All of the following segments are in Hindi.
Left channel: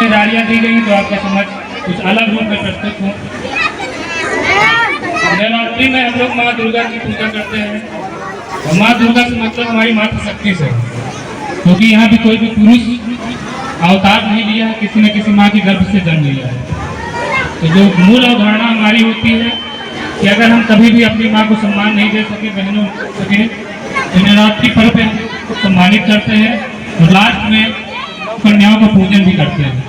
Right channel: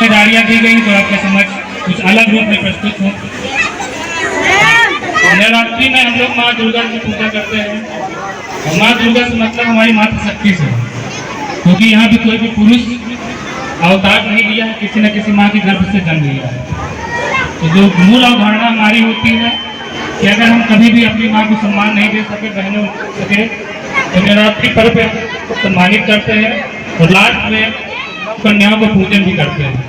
जिम्मेदारियां दी गई जो आपके समक्ष कुछ अलग रूप में प्रस्तुत हो। नवरात्रि में हम लोग माँ दुर्गा की पूजा करते हैं और माँ दुर्गा से मतलब हमारी मातृशक्ति से, क्योंकि यहाँ पे कोई भी पुरुष अवतार नहीं लिया है, किसी न किसी माँ के गर्भ से जन्म लिया है। तो जो मूल अवधारणा हमारी होती है कि अगर हम कभी भी अपनी माँ को सम्मान नहीं दे सके, बहनों सके, तो नवरात्रि पर्व पे हम सम्मानित करते हैं और लास्ट में कन्याओं का पूजन भी करते हैं।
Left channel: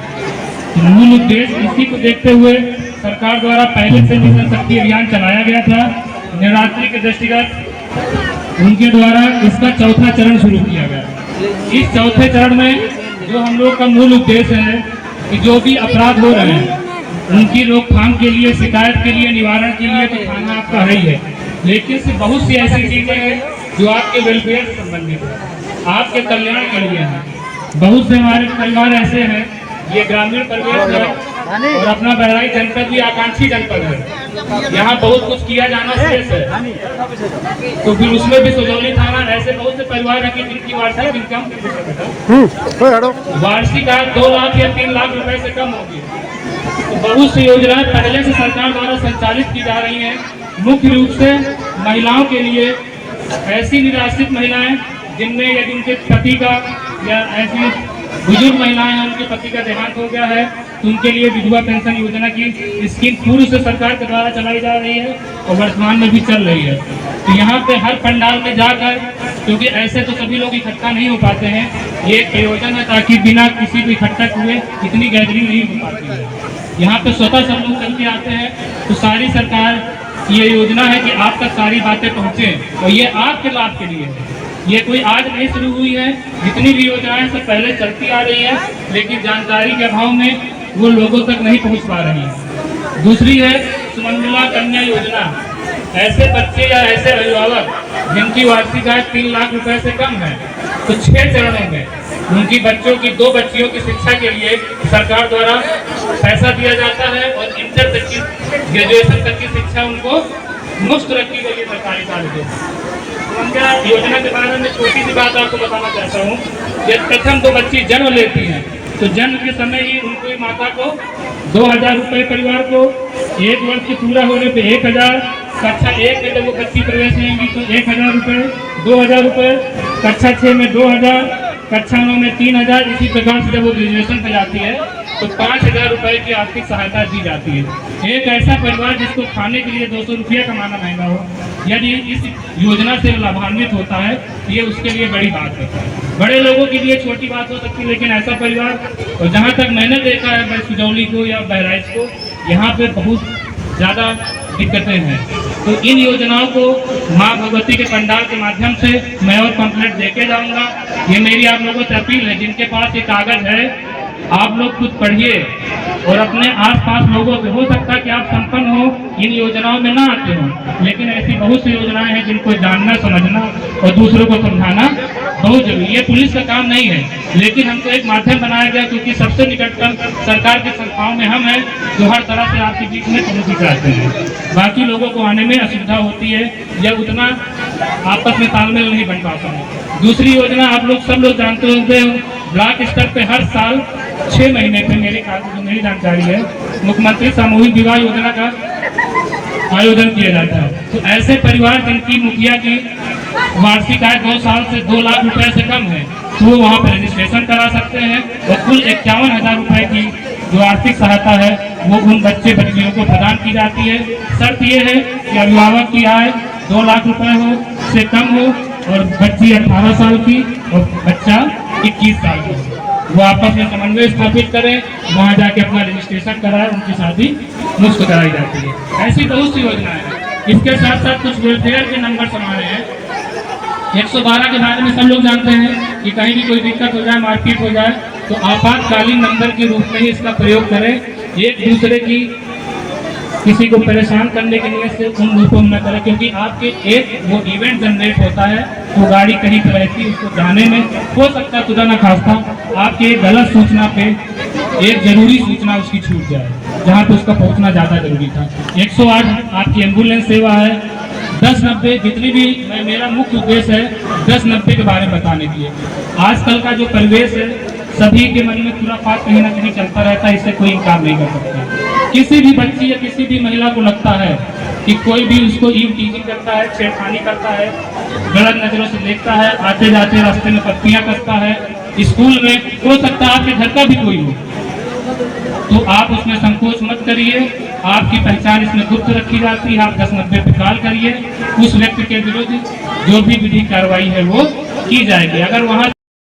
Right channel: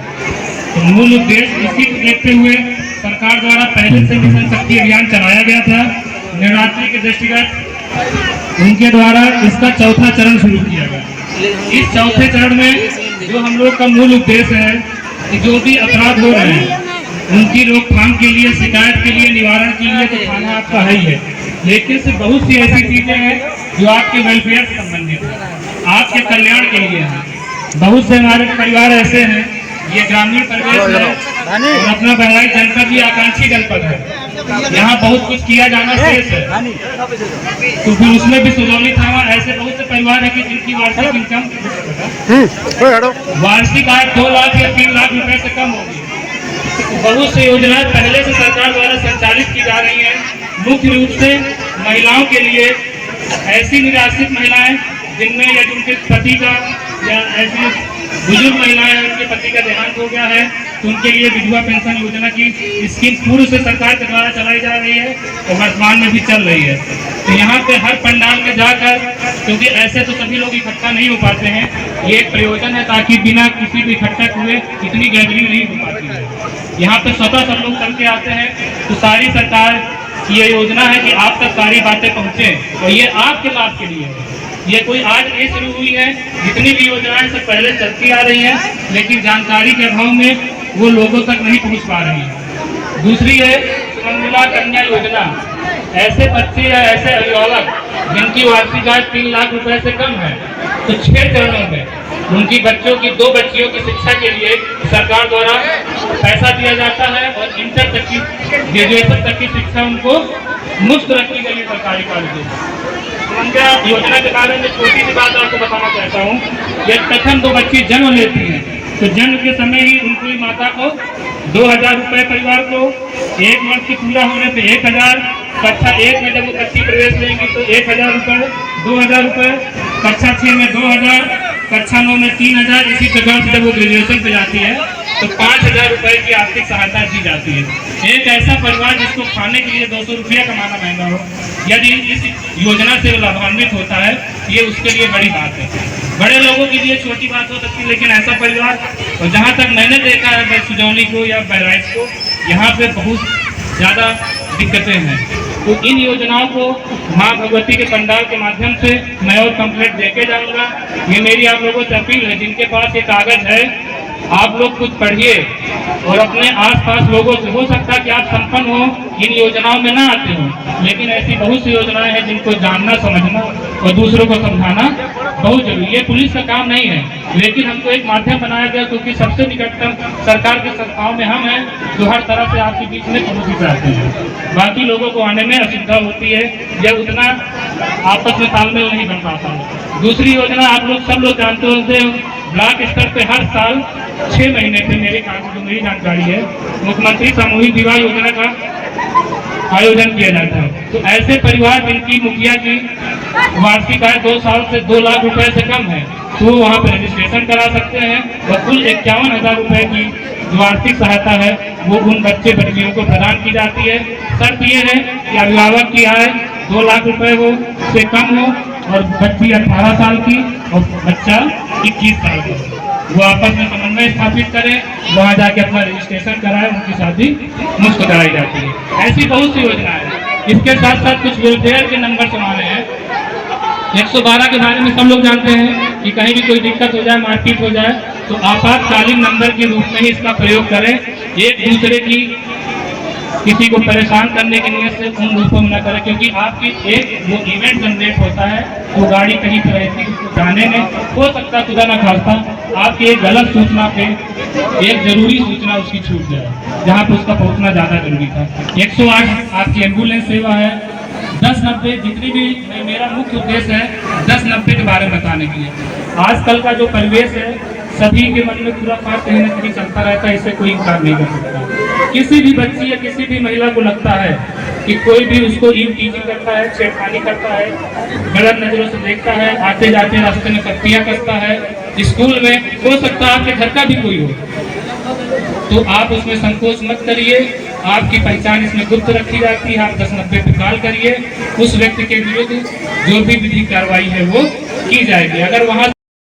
तो मूल उद्देश्य इसी को देखते हुए सरकार द्वारा पहले से मिशन शक्ति अभियान चलाया गया था। नवरात्रि के दृष्टिगत उनके द्वारा इसका चौथा चरण शुरू किया गया। इस चौथे चरण में जो हम लोग का मूल उद्देश्य है कि जो भी अपराध हो रहे हैं उनकी रोकथाम के लिए, शिकायत के लिए, निवारण के लिए तो थाना आपका है ही है, लेकिन से बहुत सी ऐसी चीजें हैं जो आपके वेलफेयर से संबंधित है, आपके कल्याण के लिए है। बहुत से हमारे परिवार ऐसे हैं, ये ग्रामीण परिवेश है और अपना बहराइच जनपद भी आकांक्षी जनपद है, यहाँ बहुत कुछ किया जाना शेष है। तो फिर उसमें भी सुजौली थाना ऐसे बहुत से परिवार है कि जिनकी वार्षिक इनकम वार्षिक आय 2 लाख या 3 लाख रुपए से कम होगी। तो बहुत सी योजनाएं पहले से सरकार द्वारा संचालित की जा रही हैं, मुख्य रूप से महिलाओं के लिए। ऐसी निराश्रित महिलाएं जिनमें यदि उनके पति का या ऐसी बुजुर्ग महिलाएं हैं उनके पति का देहांत हो गया है तो उनके लिए विधवा पेंशन योजना की स्कीम पूर्व से सरकार के द्वारा चलाई जा रही है और वर्तमान में भी चल रही है। तो यहाँ पे हर पंडाल में जाकर, क्योंकि ऐसे तो सभी लोग इकट्ठा नहीं हो पाते हैं, ये एक प्रयोजन है ताकि बिना किसी को इकट्ठा हुए इतनी गैदरिंग नहीं हो पाती है। यहाँ पे स्वतः सब लोग चल के आते हैं। तो सारी सरकार की ये योजना है कि आप तक सारी बातें पहुँचे और ये आपके लाभ के लिए है। ये कोई आज नहीं शुरू हुई है, जितनी भी योजनाएं सब पहले चलती आ रही हैं, लेकिन जानकारी के अभाव में वो लोगों तक नहीं पहुंच पा रही है। दूसरी है सुमंगला कन्या योजना। ऐसे बच्चे या ऐसे अभिभावक जिनकी वार्षिक आय 3 लाख रुपए से कम है, तो 6 चरणों में उनकी बच्चों की 2 बच्चियों की शिक्षा के लिए सरकार द्वारा पैसा दिया जाता है और इंटर तक की, ग्रेजुएशन तक की शिक्षा उनको मुफ्त रखी गई है सरकारी कॉलेजों में। सुमंगला योजना के बारे में छोटी सी बात आपको बताना चाहता हूँ। यदि प्रथम 2 बच्ची जन्म लेती हैं तो जन्म के समय ही उनको माता को 2000 रुपए, परिवार को 1 वर्ष के पूरा होने पे 1000, कक्षा 1 में जब वो बच्ची प्रवेश लेंगी तो 1000 रुपए, 2000 रुपए, कक्षा 6 में 2000, कक्षा 9 में 3000। इसी प्रकार से जब वो ग्रेजुएशन पे जाती है तो 5000 रुपए की आर्थिक सहायता दी जाती है। एक ऐसा परिवार जिसको खाने के लिए 200 रुपया कमाना महंगा हो, यदि इस योजना से लाभान्वित होता है, ये उसके लिए बड़ी बात है। बड़े लोगों के लिए छोटी बात हो सकती है, लेकिन ऐसा परिवार, और जहाँ तक मैंने देखा है सुजौली को या बहराइच को, यहाँ पे बहुत ज़्यादा दिक्कतें हैं। तो इन योजनाओं को माँ भगवती के पंडाल के माध्यम से मैं और कंप्लेंट देके जाऊँगा। ये मेरी आप लोगों से अपील है, जिनके पास ये कागज है आप लोग कुछ पढ़िए और अपने आसपास लोगों से, हो सकता है कि आप संपन्न हो, इन योजनाओं में ना आते हो, लेकिन ऐसी बहुत सी योजनाएं हैं जिनको जानना, समझना और दूसरों को समझाना बहुत जरूरी है। ये पुलिस का काम नहीं है, लेकिन हमको एक माध्यम बनाया गया क्योंकि सबसे निकटतम सरकार की संस्थाओं में हम हैं जो हर तरह से आपके बीच में पहुँच कराते हैं। बाकी लोगों को आने में असुविधा होती है या उतना आपस में तालमेल नहीं बन पाता है। दूसरी योजना आप लोग सब लोग जानते होंगे, ब्लॉक स्तर पे हर साल 6 महीने पे मेरी जानकारी है मुख्यमंत्री सामूहिक विवाह योजना का आयोजन किया जाता है। तो ऐसे परिवार जिनकी मुखिया की वार्षिक आय 2 साल से 2 लाख रुपए से कम है, तो वो वहाँ पर रजिस्ट्रेशन करा सकते हैं और कुल 51,000 रुपए की जो आर्थिक सहायता है वो उन बच्चे बच्चियों को प्रदान की जाती है। शर्त ये है कि अभिभावक की आय 2 लाख रुपए हो से कम हो और बच्ची 18 साल की और बच्चा 21 साल का हो। वो आपस में समन्वय स्थापित करें, वहाँ जाके अपना रजिस्ट्रेशन कराए, उनकी शादी मुफ्त कराई जाती है। ऐसी बहुत सी योजनाएं हैं। इसके साथ साथ कुछ वेलफेयर के नंबर हमारे हैं। 112 के बारे में सब लोग जानते हैं कि कहीं भी कोई दिक्कत हो जाए, मारपीट हो जाए, तो आपातकालीन नंबर के रूप में ही इसका प्रयोग करें। एक दूसरे की किसी को परेशान करने के लिए से उन रूपों में न करें, क्योंकि आपके एक वो इवेंट जनरेट होता है, वो गाड़ी कहीं पर रहती है, उसको जाने में हो सकता खुदा न खास्ता आपकी एक गलत सूचना पे एक जरूरी सूचना उसकी छूट जाए, जहाँ पे उसका पहुँचना ज़्यादा जरूरी था। 108 आपकी एम्बुलेंस सेवा है। 1090 जितनी भी, मेरा मुख्य उद्देश्य है 1090 के बारे में बताने के लिए। आजकल का जो परिवेश है, सभी के मन में खुराफात कहीं ना कहीं चलता रहता है, इससे कोई इनकार नहीं कर सकता। किसी भी बच्ची या किसी भी महिला को लगता है कि कोई भी उसको ईव टीजिंग करता है, छेड़खानी करता है, गलत नजरों से देखता है, आते जाते रास्ते में पत्तियां कसता है, स्कूल में हो सकता है आपके घर का भी कोई हो, तो आप उसमें संकोच मत करिए। आपकी पहचान इसमें गुप्त रखी जाती है। आप 1090 पे कॉल करिए, उस व्यक्ति के विरुद्ध जो भी विधिक कार्रवाई है वो की जाएगी। अगर वहां